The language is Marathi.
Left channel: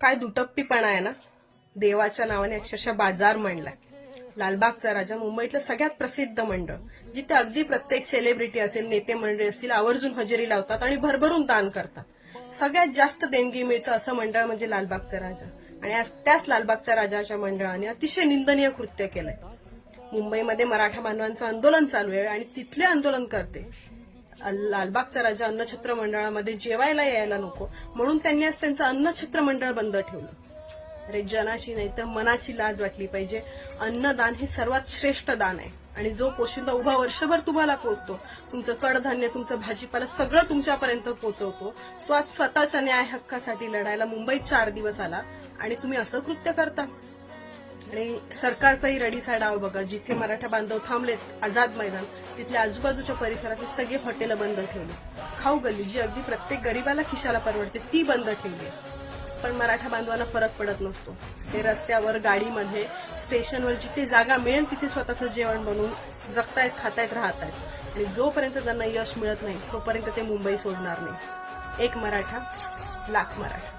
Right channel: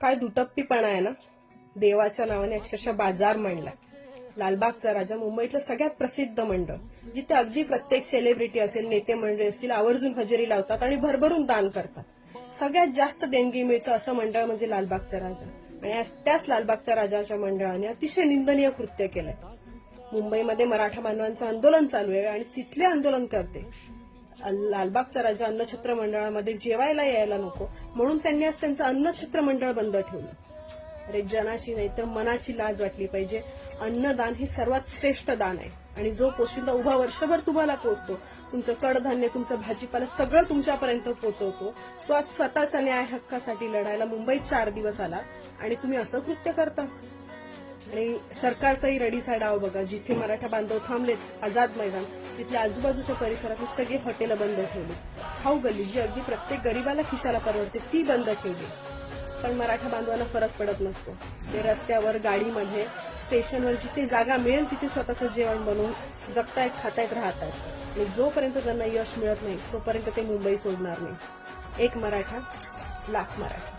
काय दुटप्पीपणा आहे ना. देवाच्या नावाने अक्षरशः बाजार मांडलाय. लालबागचा राजा मुंबईतलं सगळ्यात प्रसिद्ध मंडळ, जिथे अगदी प्रत्येक सेलिब्रिटी असेल, नेते मंडळी असतील, आवर्जून हजेरी लावतात आणि भरभरून दान करतात. सगळ्यात जास्त देणगी मिळतं असं मंडळ म्हणजे लालबागचा राजा. आणि आज त्याच लालबागच्या राजाच्या मंडळाने अतिशय निंदनीय कृत्य केलंय. मुंबईमध्ये मराठा बांधवांचं आंदोलन चालू आहे आणि तिथले आंदोलनकर्ते लालबागचा राजा अन्नछत्र मंडळामध्ये जेवायला यायला नको म्हणून त्यांनी आज त्यांचं अन्नछत्र मंडळ बंद ठेवलं. अरे, जनाची नाही तर मनाची लाज वाटली पाहिजे. अन्नदान हे सर्वात श्रेष्ठ दान आहे आणि जो पोशिंदा उभा वर्षभर तुम्हाला पोचतो, तुमचं कडधान्य, तुमचं भाजीपाला सगळं तुमच्यापर्यंत पोहोचवतो, तो आज स्वतःच्या न्याय हक्कासाठी लढायला मुंबईत 4 दिवस आला आणि तुम्ही असं कृत्य करता. आणि सरकारचाही रडीचा डाव बघा. जिथे मराठा बांधव थांबलेत आझाद मैदान, तिथल्या आजूबाजूच्या परिसरातली सगळी हॉटेलं बंद ठेवली. खाऊ गल्ली जी अगदी प्रत्येक गरीबाला खिशाला परवडते ती बंद ठेवली. पण मराठा बांधवांना फरक पडत नसतो. ते रस्त्यावर, गाडीमध्ये, स्टेशनवर जिथे जागा मिळेल तिथे स्वतःचं जेवण बनवून जगतायत, खातायत, राहतायत. आणि जोपर्यंत त्यांना यश मिळत नाही तोपर्यंत ते मुंबई सोडणार नाही. एक मराठा, लाख मराठा.